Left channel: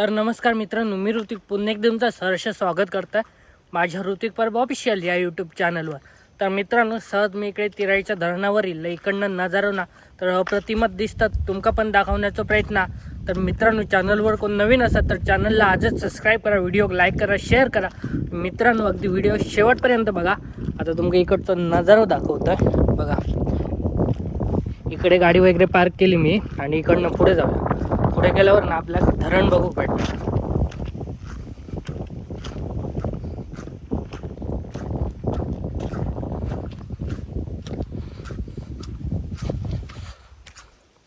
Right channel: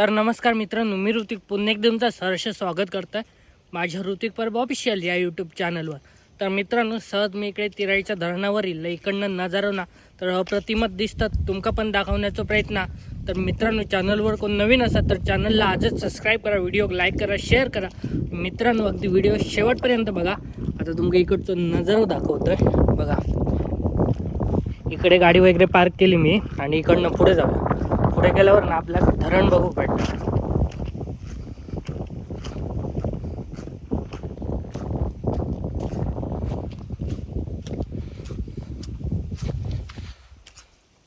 तर नमस्कार मित्रांनो मी ऋतिक पुन्हा एकदा तुमचं सहर्ष स्वागत करतं माझ्या ऋतिक परब ऑफिशियल या यूट्यूब चॅनलवर तर मित्रांनो सहज मी इकडे तिराईच्या धरणावरील इकडनं नजारो ना तर अप्रतिमत दिसतात तुमका पण दाखवण्याचा प्रयत्न. तर मित्रांनो चॅनलवर कोण नवीन असतात तर चॅनलला आजच सबस्क्राईब करा व्हिडिओ लाईक करा शेअर करा. मित्रांनो अगदी व्हिडिओ शेवटपर्यंत बघा. आता तुमका इकडचं नजारो दाखवतोय. बघा. इकडे गाडी वगैरे पार्क केली मी आणि इकडनं पुढे जाऊया. पुढे गेल्यावर ना आपल्याला धरण बघू भेटतं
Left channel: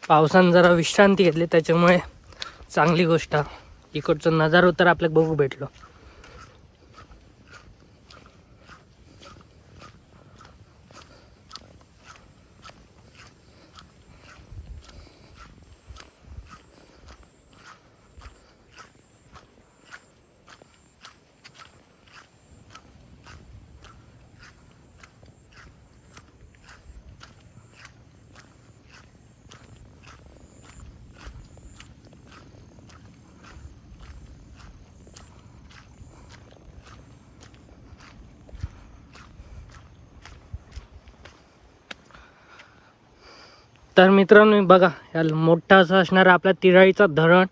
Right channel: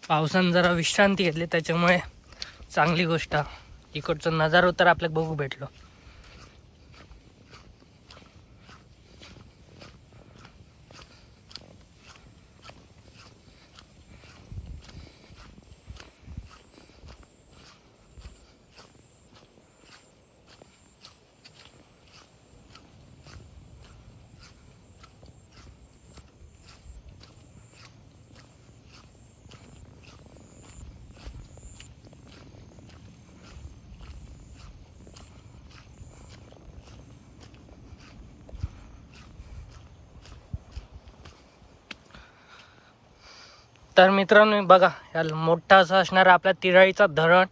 पावसानं जरा विश्रांती घेतली त्याच्यामुळे चांगली गोष्ट. इकडचं नजारो तर आपल्याला बघू भेटलो. तर मित्रांनो बघा या मोठा असा असणारा आपल्या तिराळीचा धरण.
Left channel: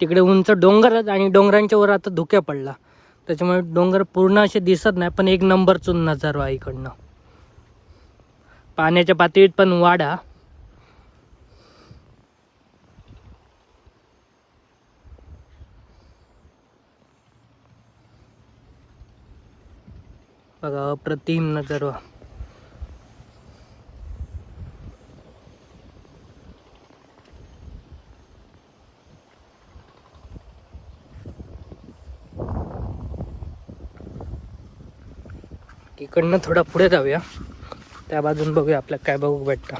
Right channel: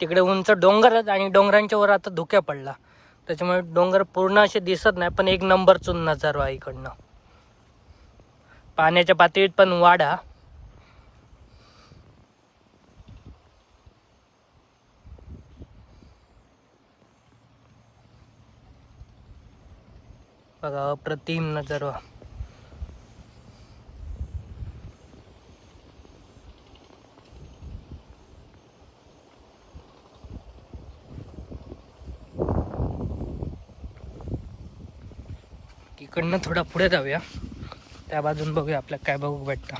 तिकडे उंच डोंगर आहेत आणि डोंगरांच्या वर आता धुक्या पडला. त्याच्यामुळे डोंगर पूर्ण असे दिसत नाही पण एक नंबरचून नजारो आहे इकडनं. पाण्याच्या पातळीत पण वाढा. बघा अप्रतिम नजारो. इकडनं थोडा पुढे जाऊया. त्या बाजून बघूया आपल्याला काय बघू भेटतं.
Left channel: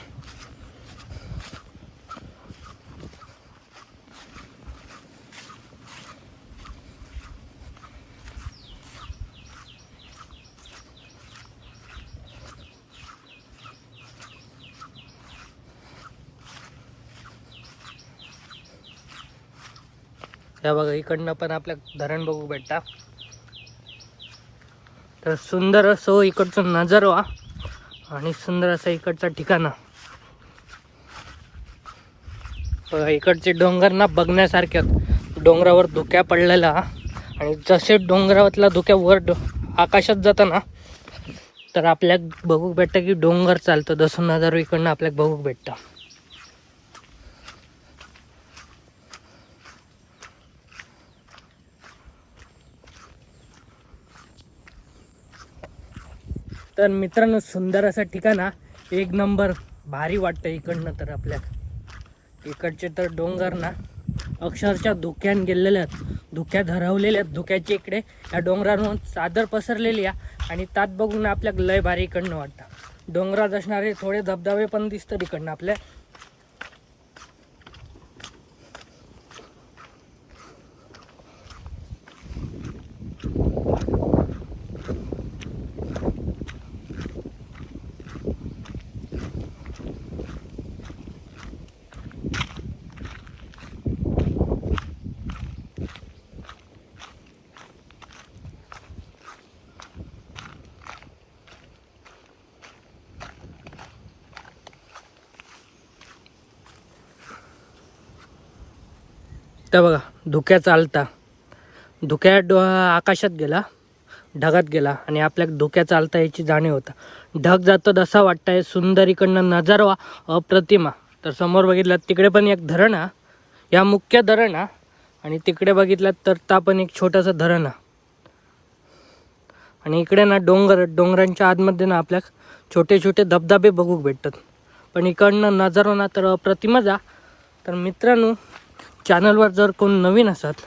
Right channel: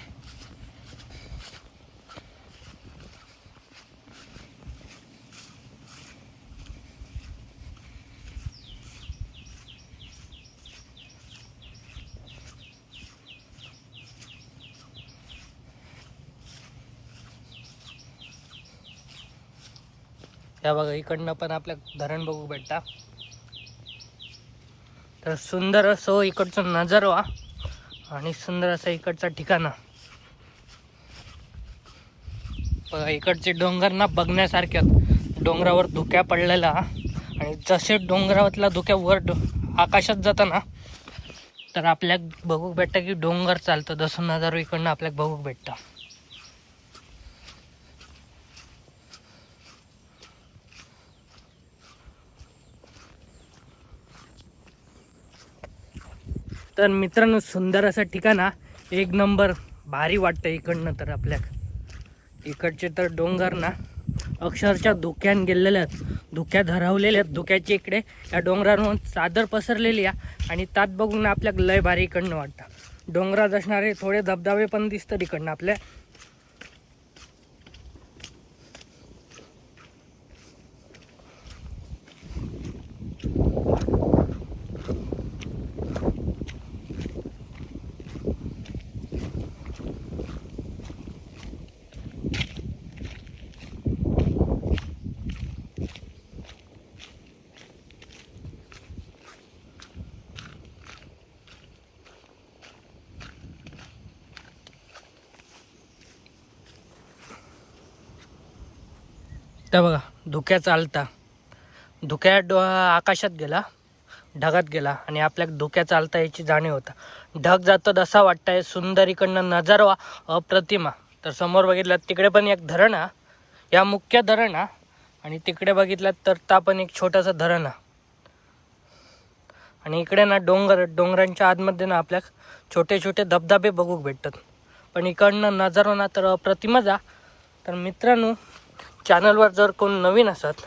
त्या बघा इकडनं पण आपल्या धरण बघू भेटता. तर सुंदर असो इकडचं नजारा आणि सुंदर असं इकडचं ठिकाण. इकडचे डोंगर ना बघण्यासारखे डोंगरावर धुक्या पडलेला आणि जसे डोंगरावरला धुक्या वर डो- आकाशात जातं ना तर आपल्याला बघूक भेटतं की डोंगर चालतं. जसं नजारा इकडनं आपल्याला बघूक भेटतं. तर मित्रांनो सुंदर असं ठिकाण हा. एक नंबर भारी वाटतं इकडनं तर आपल्या. इकडचे तर डोंगर ना अक्षरशः धुक्यान गेलेले आहेत. धुक्या धरवलेल्या आहेत धुक्याच्या इकडे. या डोंगरांवर चादर पसरलेली आहे आणि त्यात बघून आपल्याला लय भारी इकडनं वाटतं. डोंगरात असणारे थोडे धबधबे पण दिसतात इकडनं आपल्या. तर बघा धुक्या चालता. धुक्या डो आकाशात गेला ढगात गेला आणि आपल्या धुक्या चालता याची जाणीव होतं. ढग जातो तसा वाटतंय सुंदर इकडनं नजारा अप्रतिमा. तर समोर बघितलं तिकडे पण एक धरण. हा या मुख्य धरण. हा आणि तिकडे बघितलं तर ता पण एक छोटंसं धरण. हा आणि इकडे ना डोंगर डोंगरांच्या आतमध्ये ना आपल्या छोटे छोटे धबधबे बघू भेटतात. पण इकडनं नजारो ना तर अप्रतिमच हा तर मित्रांनो चॅनलवर जर कोण नवीन असत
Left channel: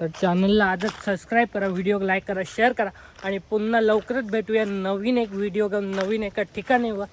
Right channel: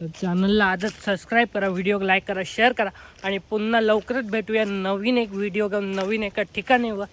तर चॅनलला आजच सबस्क्राईब करा व्हिडिओ लाईक करा शेअर करा आणि पुन्हा लवकरच भेटूया नवीन एक व्हिडिओ घेऊन नवीन एका ठिकाणीवर.